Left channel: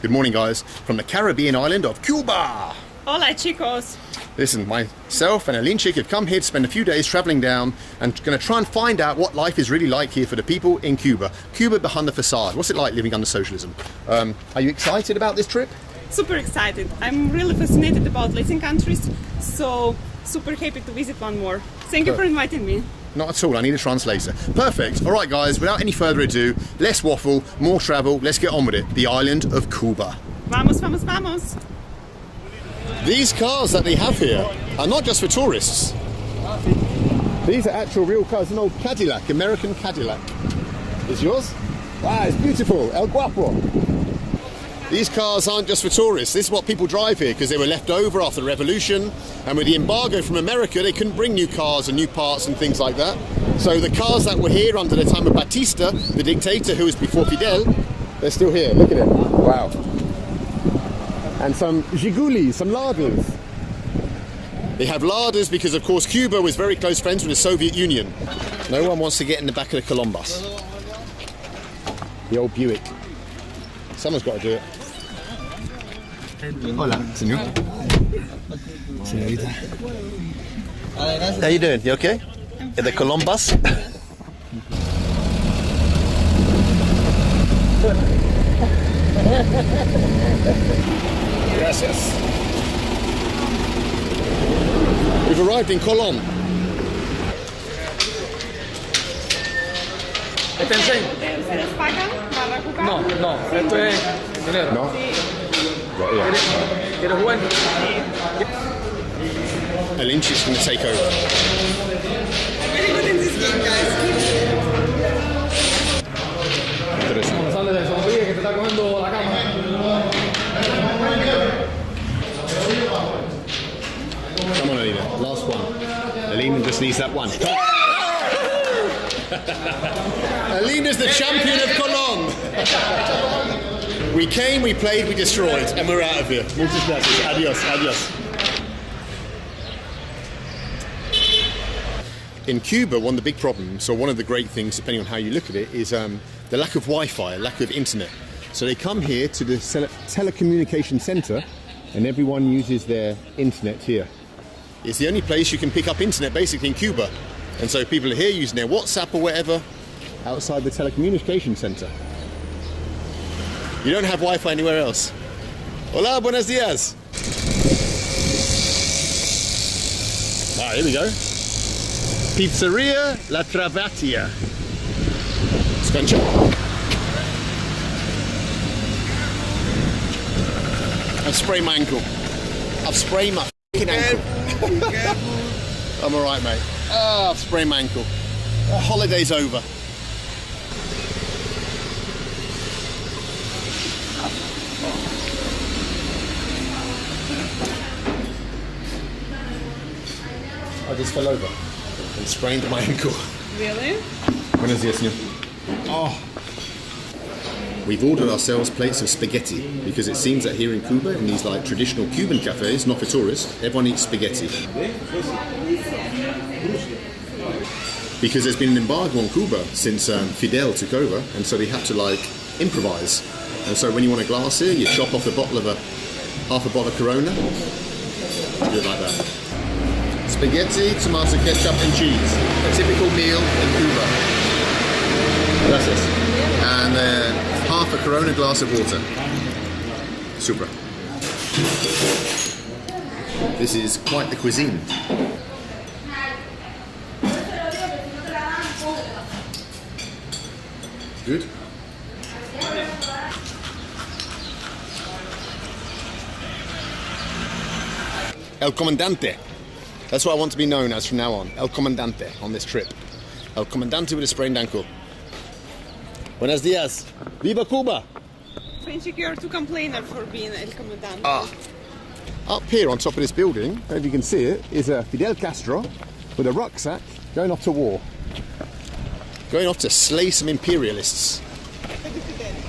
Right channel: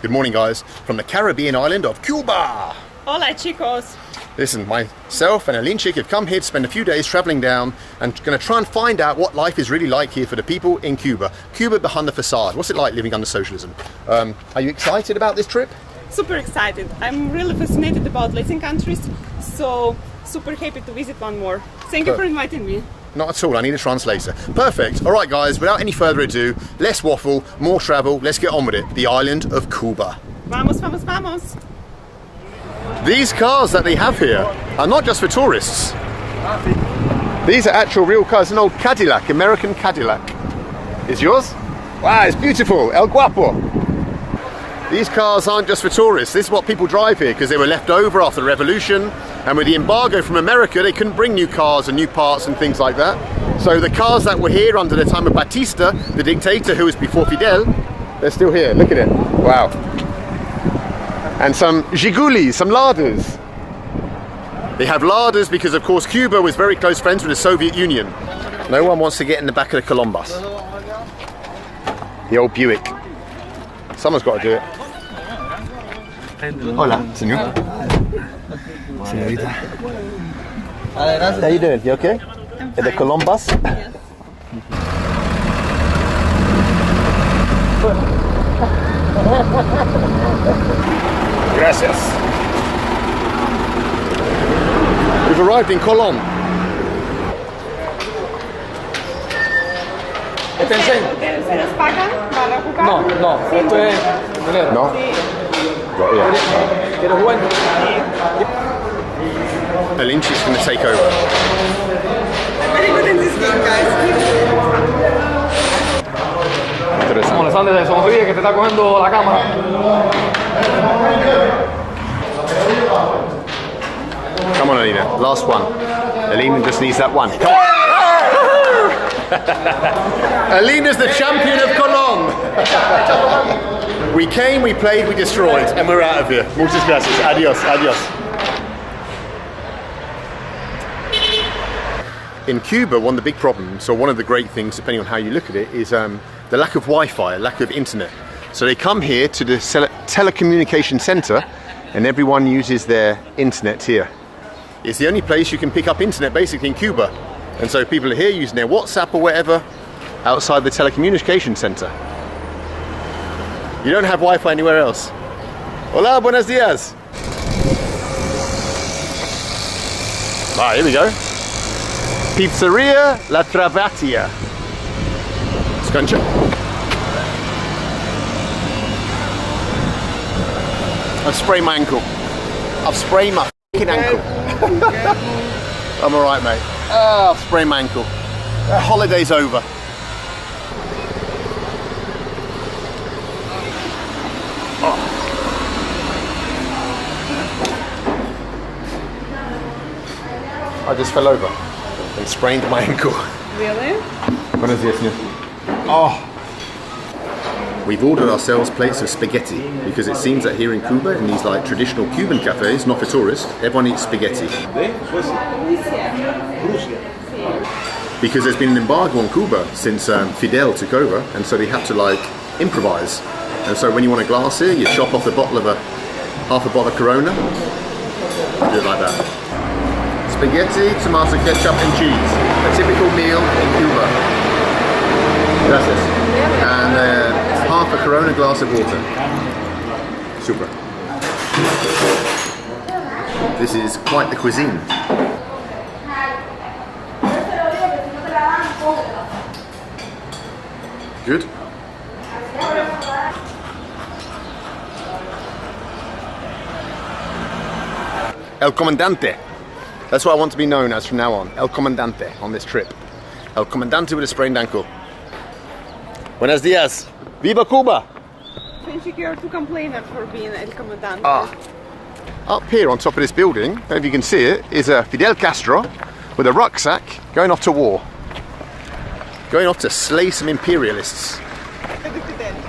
Good morning, guys, from the Caribbean island of Cuba. Hola, chicos. Listen, myself and Alinchik have come here to spend a few days traveling down and going to try and find out what life is really like here for the people in Cuba. Cuba behind the facade. What's it like living under socialism? Are you excited about this trip? Super excited. I'm really fascinated about Latin countries, so super happy to visit one more. Thank you for inviting me. Not at all, I need a translator. Perfect. All right, guys, without any further ado, less waffle, more travel, let's get on with it. The island of Cuba. Vamos, vamos, vamos. These cars that they have here are not just for tourists. These are actual real cars. An old Cadillac, American Cadillac. Is yours? Wow, it's beautiful. El Guapo. These cars aren't just for tourists. This is what people drive here because they were left over after the revolution, and with the embargo from America they couldn't bring new cars and new parts and things like that. So the cars that were here under the time of Batista, the dictator who was before Fidel, they're still here. Look at it. Wow. And some Jigulis, some Ladas. They have Ladas because of course Cuba was very close friends with the Soviet Union. No one wants to get in the back of the Columbus. The old Buick. Someone's got to do it. Hola, señor. Señorita. How you doing? You okay? At the Columbus? Gracias. We've arrived in Colón. ¿Se pagan para jugar? No, esto es dinero. No? Right, yeah. ¿Quieres jugar? Alinchik's going to take over. I'm very good in this game, guys. Como le sale de sonríe que te está cogiendo la cámara. Come on, Alina. Last one. Alina just needs that one. Come on. Alina's the champion of Colón. We came, we played, we destroyed, and we're out of here. Muchas gracias. Adios, adios. In Cuba, one of the big problems, or one of the great things, depending on how you look at it, is the lack of Wi-Fi, lack of internet. So they come here to the telecommunication center, and everyone uses their internet here. It's the only place you can pick up internet, basically, in Cuba. And so people are here using their WhatsApp or whatever outside the telecommunication center. You don't have Wi-Fi anywhere else. Hola, buenos días. Ah, here we go. Pizzeria La Travatia. Scuncha. I've sprained my ankle. I've sprained my fucking ankle. I'm alright, mate. Oh, I've sprained my ankle. The holiday's over. Oh. I just fell over and sprained my ankle. Really? Buenos días, señor. Oh. We've ordered ourselves plates of spaghetti because it seems that here in Cuba, in these like traditional Cuban cafes, not for tourists, everyone eats spaghetti. Because there's been an embargo on Cuba since Fidel took over, and so they have to like improvise. And so when you want a glass here, you chop off the bottle of half a bottle of Corona, do it like that. Spaghetti, tomato ketchup and cheese. A typical meal in Cuba. Gracias. And half a Corona glass of water. Super. This is quite the cuisine. Good. El Comandante. That's what I want to be known as from now on. El Comandante on this trip. El Comandante with a sprained ankle. Buenos días. Viva Cuba! Friendship, you're too complainer for being El Comandante. Ah. Up here on top of this building, I don't know if you can see it, is Fidel Castro with a rucksack going off to war. Going off to slay some imperialists.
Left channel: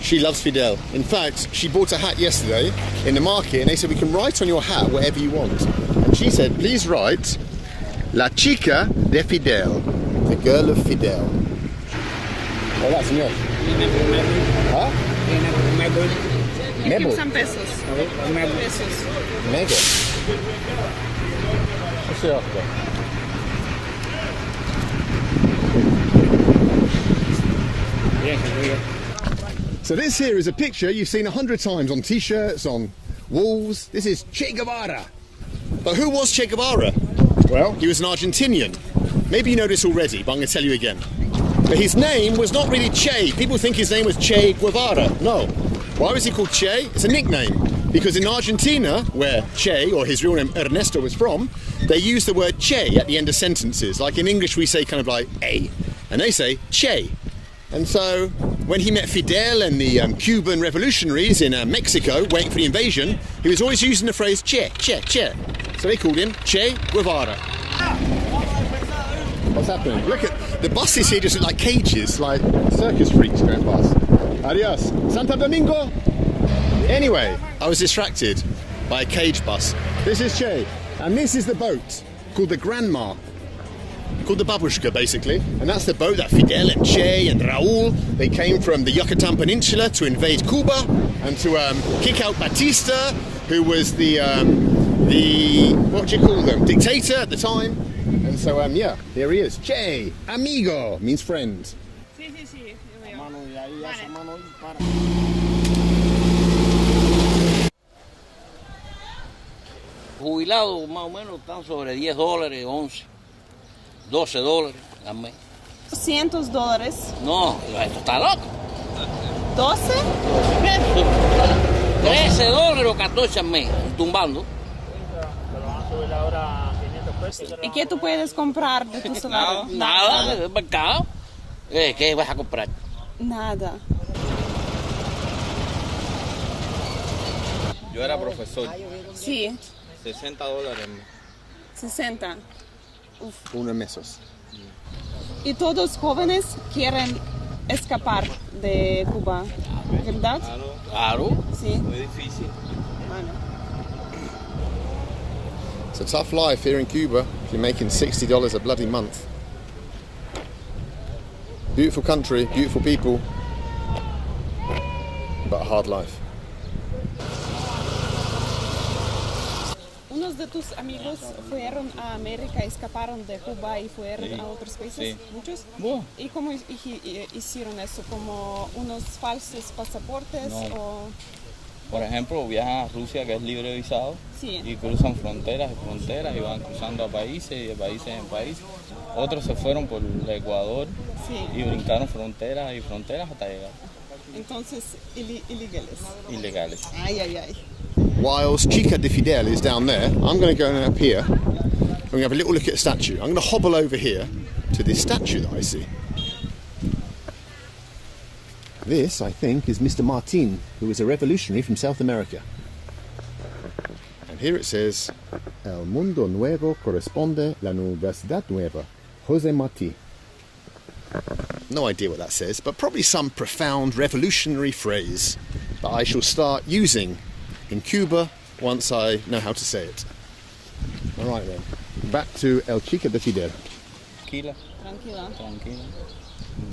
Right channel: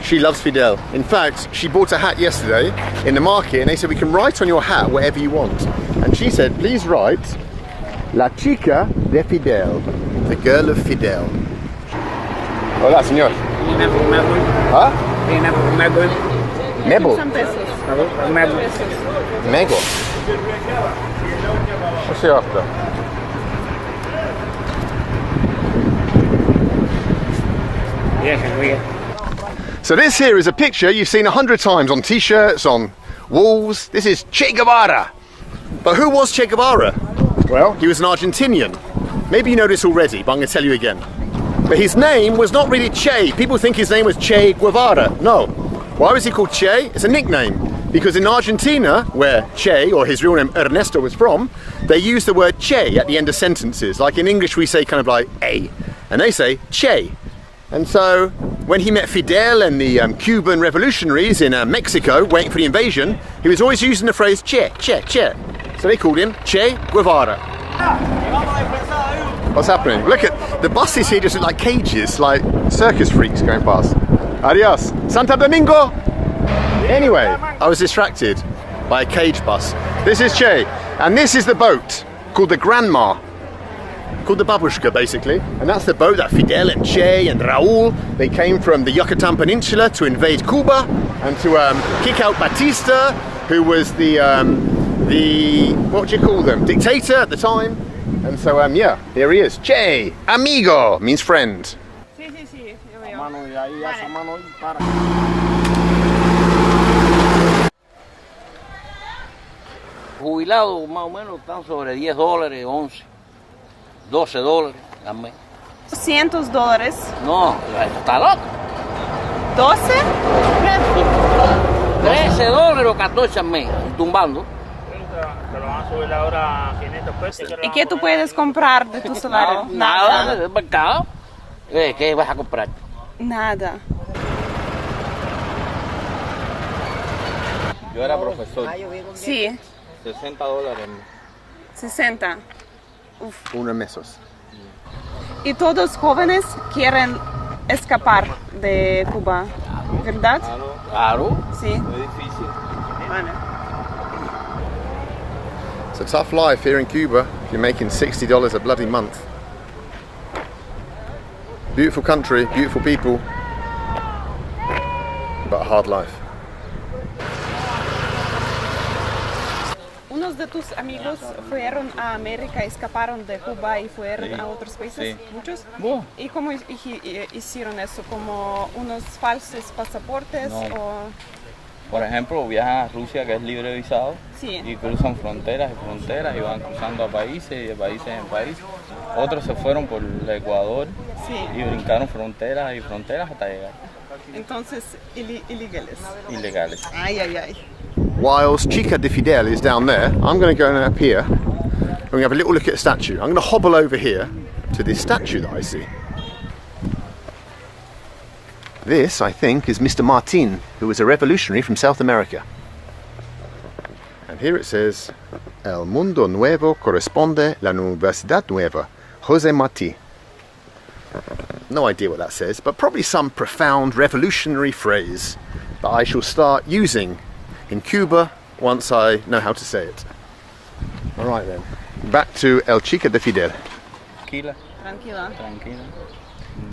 She loves Fidel. In fact, she bought a hat yesterday in the market and they said we can write on your hat whatever you want. And she said, please write La Chica de Fidel, the girl of Fidel. Hola, señor. ¿Ah? Mebo. Some pesos. Pesos. Mego. What's he after? So this here is a picture you've seen 100 times on t-shirts, on walls. This is Che Guevara. But who was Che Guevara? Well, he was an Argentinian. Maybe you know this already, but I'm going to tell you again. But his name was not really Che. People think his name was Che Guevara. No. Why was he called Che? It's a nickname. Because in Argentina, where Che, or his real name Ernesto, was from, they use the word Che at the end of sentences. Like in English we say kind of like A. And they say Che. And so when he met Fidel and the Cuban revolutionaries in Mexico, waiting for the invasion, he was always using the phrase Che, Che, Che. So they called him Che Guevara. What's happening? Look at the buses here, just look like cages, like circus freaks going past. Adios. Santo Domingo! Anyway, I was distracted by a cage bus. This is Che, and this is the boat called the Grandma, called the Babushka basically. And that's the boat that Fidel and Che and Raul, they came from the Yucatan Peninsula to invade Cuba and to kick out Batista, who was the what would you call them, dictator at the time. And so yeah, here he is. Che, amigo, means friend. Sí, sí, sí. Yo veo. Jubilados más o menos están sobre $10, 11, $12 al mes. $200. No, esto está loco. 12? $13 o 14 al mes, tumbando. Pero van a subir ahora a 500 pesos. ¿Y qué tú puedes comprar de tu salario? Nada, del mercado. ¿Qué vas a comprar? Nada. Yo era profesor, Sí, $60. 60. Uno mesos. Y todos jóvenes quieren escapar de Cuba, ¿verdad? Claro, Sí. Muy difícil. Vale. It's a tough life here in Cuba if you're making $60 a bloody month. Beautiful country, beautiful people, but a hard life. ¿Unos de tus amigos fueron a América, escaparon de Cuba y fueron a otros países? Sí. ¿Muchos? Bueno. ¿Y cómo hicieron eso? ¿Como unos falsos pasaportes? No. O... Por ejemplo, viajan a Rusia, que es libre de visado, Sí. y cruzan fronteras y fronteras y van cruzando a países y de países en países. Otros se fueron por el Ecuador Sí. y brincaron fronteras y fronteras hasta llegar. Entonces, ilegales. Ilegales. Ay, ay, ay. Whilst Chica de Fidel is down there, I'm going to go up here and we're going to have a little look at a statue. I'm going to hobble over here to this statue that I see. This, I think, is Mr. Martin, who was a revolutionary from South America. And here it says, El mundo nuevo corresponde la universidad nueva, José Martí. No idea what that says, but probably some profound revolutionary phrase that I shall start using in Cuba once I know how to say it. All right then, back to El Chica de Fidel. Tranquila, Tranquila. tranquila.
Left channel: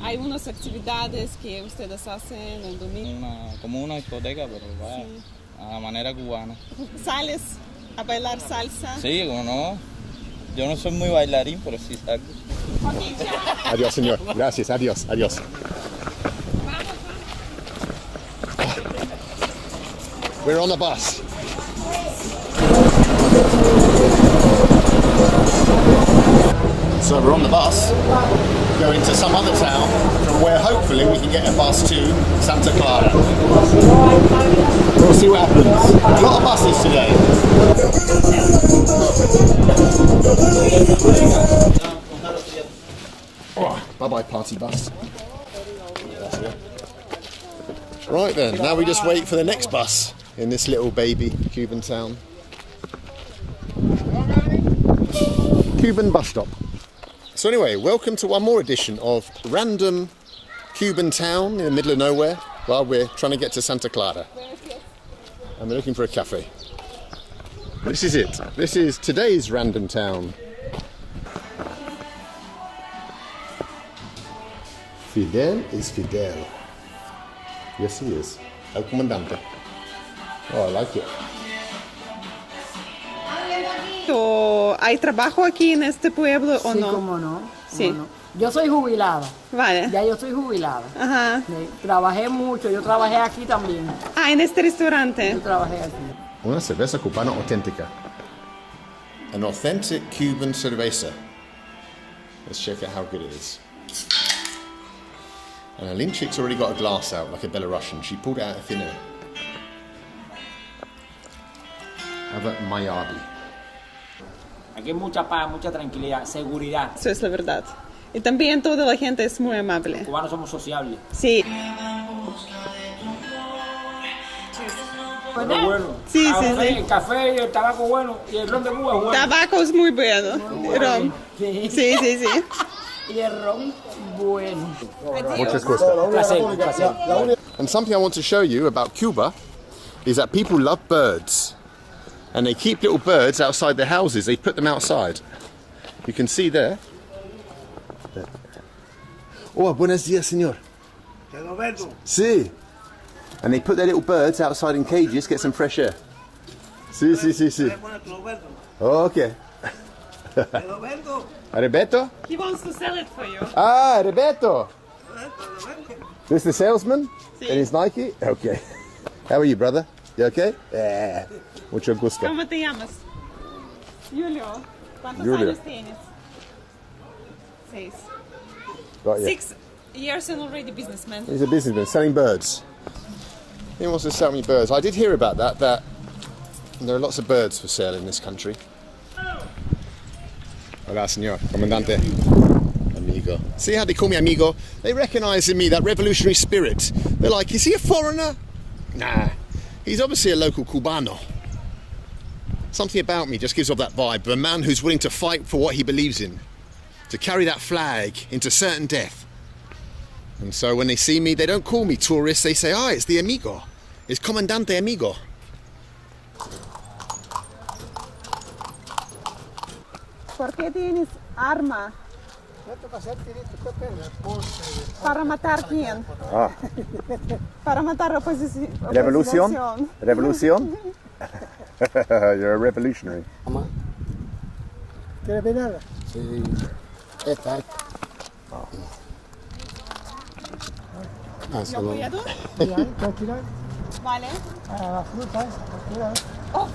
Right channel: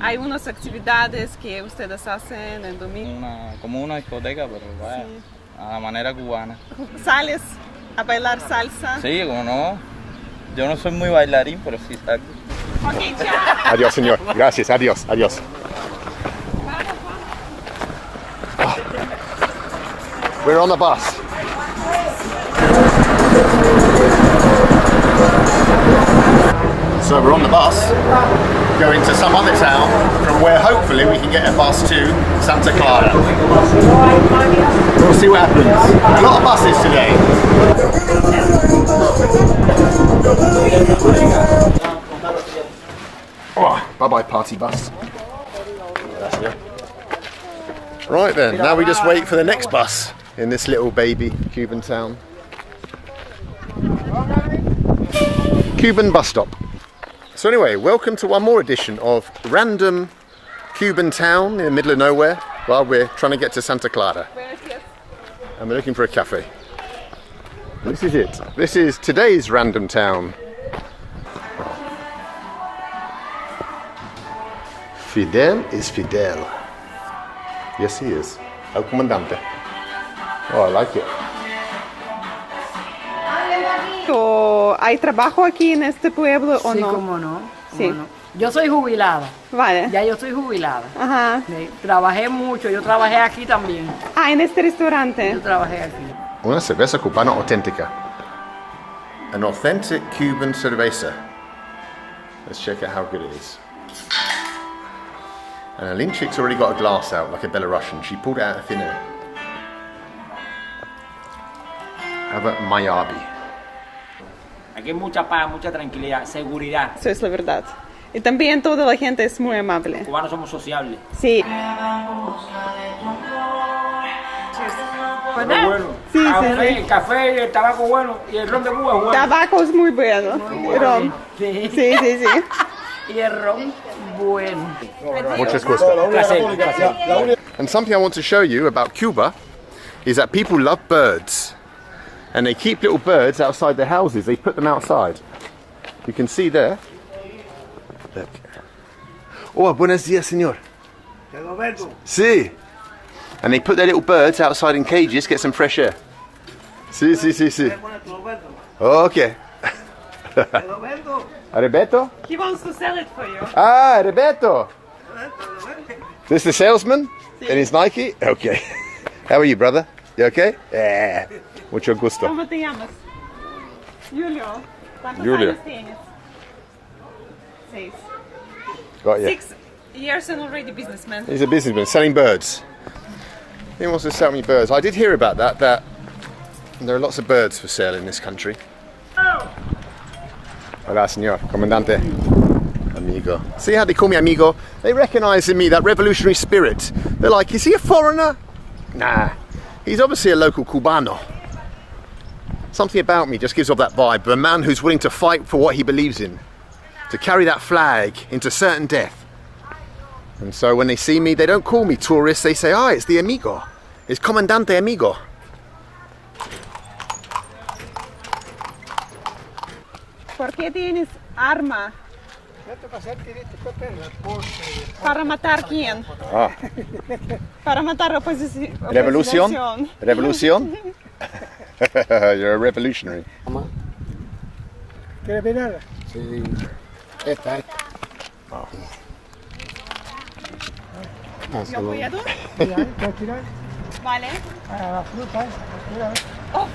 Hay unas actividades que ustedes hacen el domingo. Como una discoteca, pero vaya, a la manera cubana. ¿Sales a bailar salsa? Sí, como no. Yo no soy muy bailarín, pero sí salgo. Ok, ya. Adiós, señor. Gracias. Adiós. Adiós. We're on the bus. So we're on the bus, going to some other town from where hopefully we can get a bus to Santa Clara. We'll see what happens. A lot of buses today. Oh, bye-bye party bus. Right then, now we just wait for the next bus in this little baby Cuban town. Cuban bus stop. So anyway, welcome to one more edition of Random Cuban Town in the middle of nowhere while we're trying to get to Santa Clara. And we're looking for a cafe. This is it. This is today's Random Town. Fidel is Fidel. Yes, he is. El Comandante. Oh, I like it. ¿Hay trabajo aquí en este pueblo o Sí, no? cómo no. Sí. Cómo no. Yo soy jubilada. Vale. Ya yo soy jubilada. Ajá. Sí, trabajé mucho. Yo trabajé aquí también. Ah, en este restaurante. Yo trabajé aquí. Una cerveza cubana auténtica. An authentic Cuban cerveza. Let's check out how good it is. And Alinchik's already got a glass out, like a Belarusian. She pulled it out of thin air. Have a Mayabi. Aquí hay mucha paz, mucha tranquilidad, seguridad. Eso es la verdad. Y también toda la gente es muy amable. Los cubanos somos sociables. Sí. Bueno. Sí, café, sí. el café y el tabaco bueno y el ron de Cuba es bueno. Tabaco es muy bueno. Rom. Sí. Sí, sí, sí. Y el ron, bueno. Muchas gusta. And something I want to show you about Cuba is that people love birds. And they keep little birds outside their houses. They put them outside. You can see there. Look. Oh, buenos días, señor. Sí. And they put their little birds outside in cages, get some fresh air. Sí, sí, sí, sí. Okay. Roberto? He wants to sell it for you. Ah, Roberto. This the salesman? In his Nike? Okay. How are you, brother? You okay? Yeah. Mucho gusto. ¿Cómo te llamas? Julio. ¿Cuántos Julio. años tienes? 6. Got you. 6 years and already businessman. He's a businessman selling birds. He wants to sell me birds. I did hear about that there are lots of birds for sale in this country. Hola, señor. Comandante. Amigo. See how they call me amigo? They recognize in me that revolutionary spirit. They're like, is he a foreigner? Nah. He's obviously a local Cubano. Something about me just gives off that vibe of a man who's willing to fight for what he believes in, to carry that flag into certain death. And so when they see me, they don't call me tourist, they say, it's the amigo. It's Comandante Amigo. ¿Por qué tienes arma? ¿Para matar quién? Ah. Para matar oposición. Revolución? Revolución? You're a revolutionary. ¿Quieres ver? Sí. Esta. ¿Yo puedo? ¿Quieres tirar? Vale. A la fruta. Oh.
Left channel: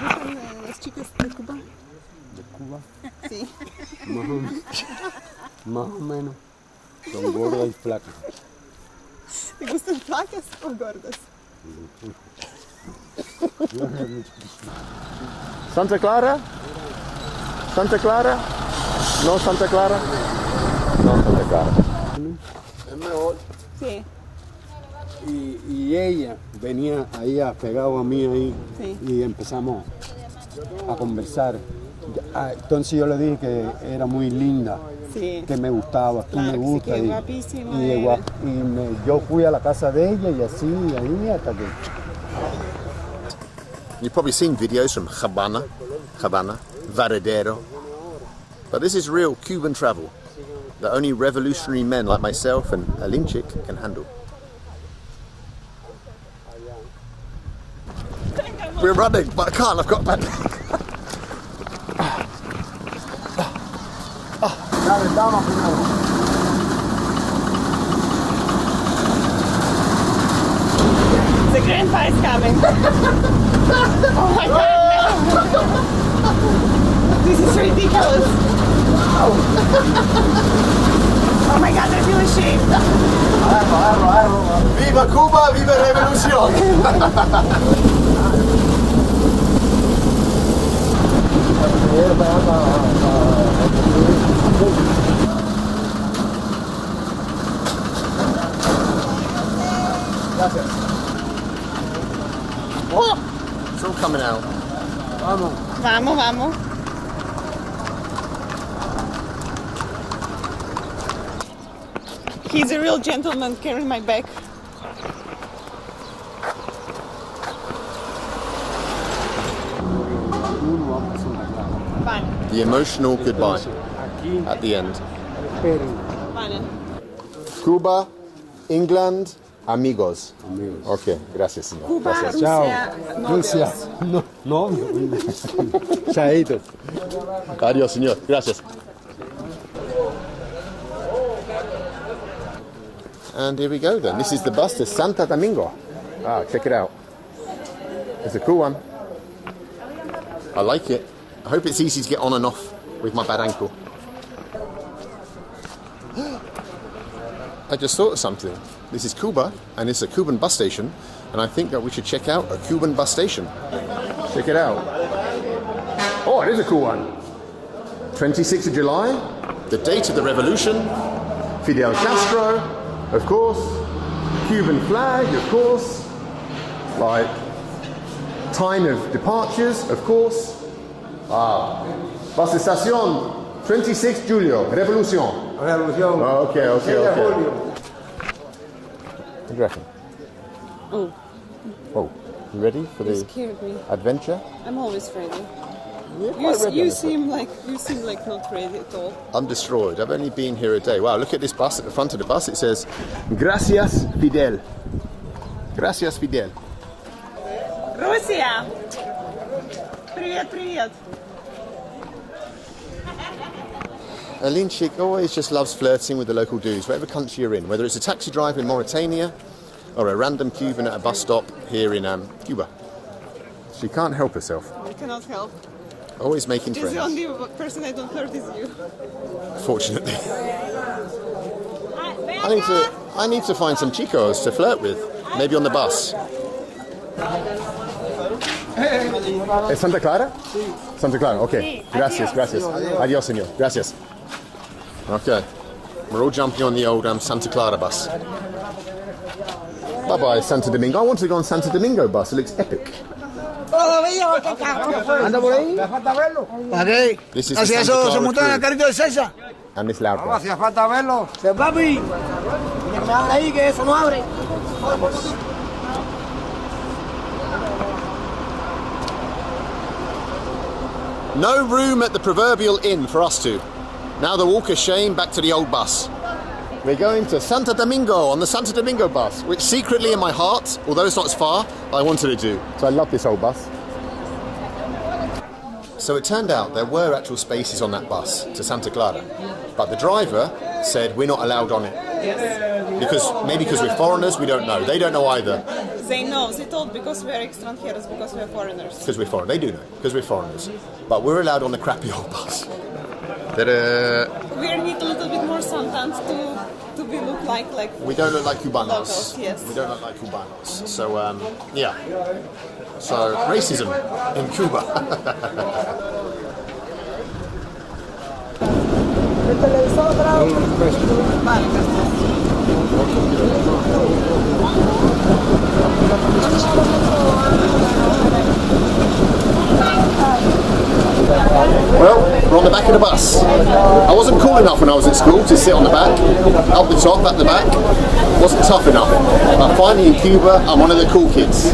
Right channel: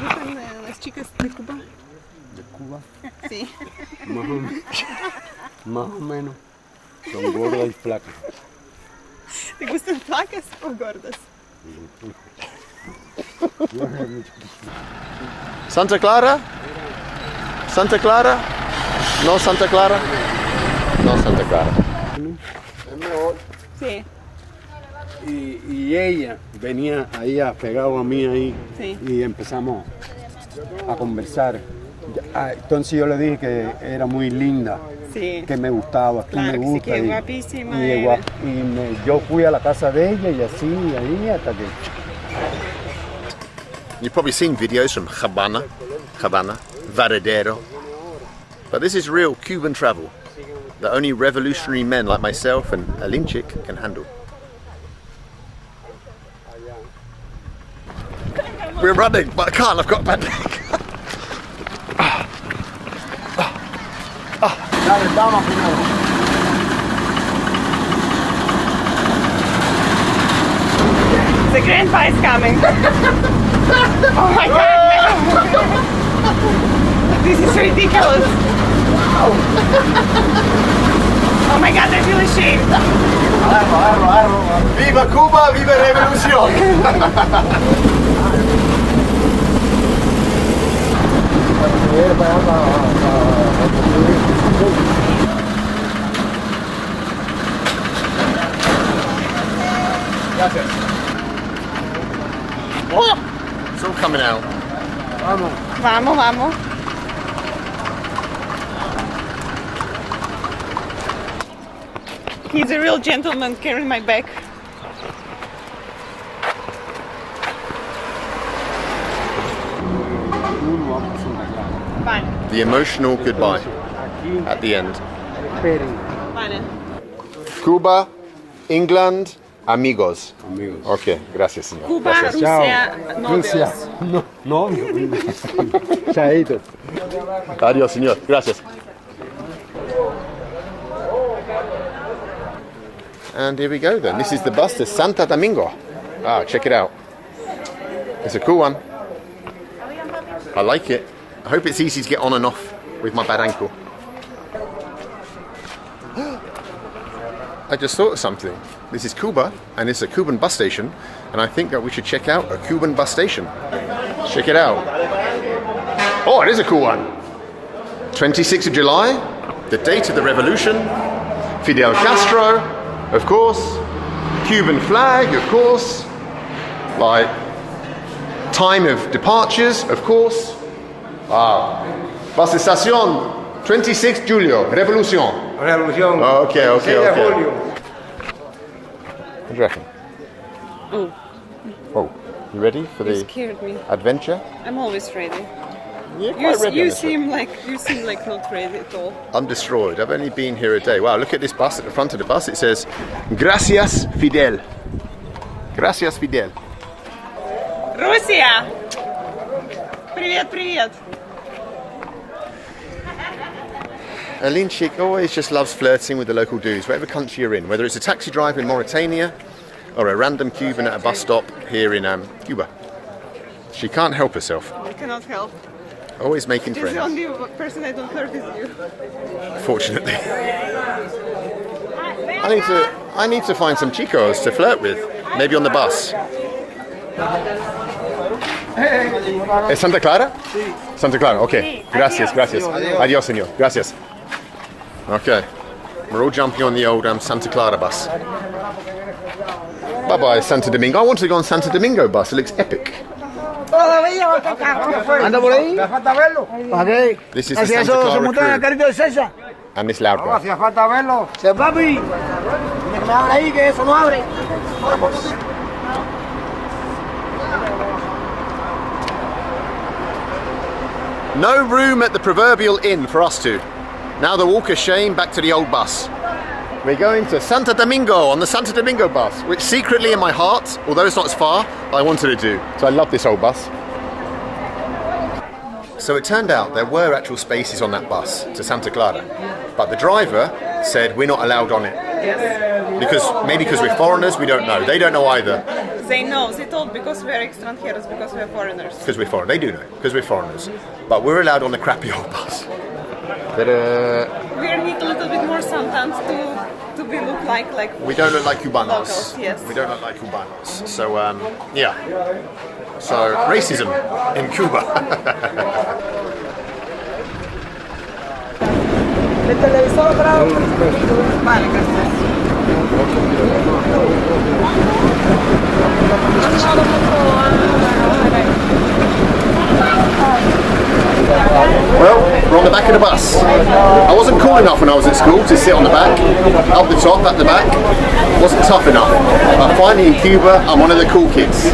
¿Gustan las chicas de Cuba? ¿De Cuba? Sí. Más o menos. Son gordas y flacas. ¿Te gustan flacas o gordas? Santa Clara? Santa Clara? No Santa Clara? No Santa Clara. Es mejor. Sí. Y ella venía ahí pegado a mí ahí Sí. y empezamos a conversar. Entonces yo le dije que era muy linda, Sí. que me gustaba, que Claro me que sí, gusta. que y guapísima y era. yo fui a la casa de ella y así, ahí hasta que... You've probably seen videos from Habana, Varadero. But this is real Cuban travel that only revolutionary men like myself and Alinchik can handle. We're running, but I can't, I've got a bad leg. The grandpa is coming. Oh my god. This is ridiculous. Oh my god, I feel ashamed. Viva Cuba, viva revolución! It's all coming out. Vamos, vamos. He's a real gentleman carrying my bag. Vale, The emotional goodbye at the end. Esperen, Bene. Cuba, England, amigos. Ok, gracias, señor. Cuba, Gracias. Rusia, novios. Rusia. No, novio. Chaito. Adiós, señor. Gracias. And here we go then. This is the bus to Santo Domingo. Ah, check it out. It's a cool one. I like it. I hope it's easy to get on and off with my bad ankle. I just thought of something. This is Cuba, and it's a Cuban bus station, and I think that we should check out a Cuban bus station. Check it out. Oh, it is a cool one. 26th of July, the date of the revolution. Fidel Castro, of course. Cuban flag, of course. Like, time of departures, of course. Ah. Bus estación, 26 Julio, Revolución. Revolución. Okay. What do you reckon? Oh, you ready for You the scared me. adventure? I'm always ready. You're quite ready on You this one. seem like not ready at all. I'm destroyed. I've only been here a day. Wow, look at this bus. At the front of the bus it says, Gracias Fidel. Gracias Fidel. Russia! Привет. Alinchik always just loves flirting with the local dudes, whatever country you're in, whether it's a taxi driver in Mauritania or a random Cuban at a bus stop here in Cuba. She can't help herself. I cannot help. Always making Just friends. the only person I don't flirt is you. Fortunately. I need to find some chicos to flirt with. Maybe on the bus. ¿Es Santa Clara? Sí. Santa Clara, okay. Gracias. Adiós, señor. Gracias. Okay. We're all jumping on the old Santa Clara bus. Bye-bye, Santo Domingo. I wanted to go on Santo Domingo bus. It looks epic. Anda por ahí. Falta verlo. ¿Para qué? This is the Así Santa eso se Clara monta en el crew. carrito de César. And this loud No, guy. hacía falta verlo. Se papi. Tiene que me abre ahí, que eso no abre. Vamos. No room at the proverbial inn for us two. Now the walk of shame back to the old bus. We're going to Santo Domingo on the Santo Domingo bus, which secretly in my heart, although it's not as far, I wanted to do. So I love this old bus. So it turned out there were actual spaces on that bus to Santa Clara, but the driver said we're not allowed on it. Because we're foreigners, we don't know. They don't know either. They know. They told because we're extranjeros, because we're foreigners. Because we're foreign. They do know, because we're foreigners. But we're allowed on the crappy old bus. We need a little bit more sometimes to be look like we don't look like Cubanos. Locals, yes. We don't look like Cubanos. So, yeah. So, racism in Cuba. Well, we're on the back of the bus. I wasn't cool enough when I was at school to sit on the back, up the top, at the back. Wasn't tough enough. But finally in Cuba, I'm one of the cool kids.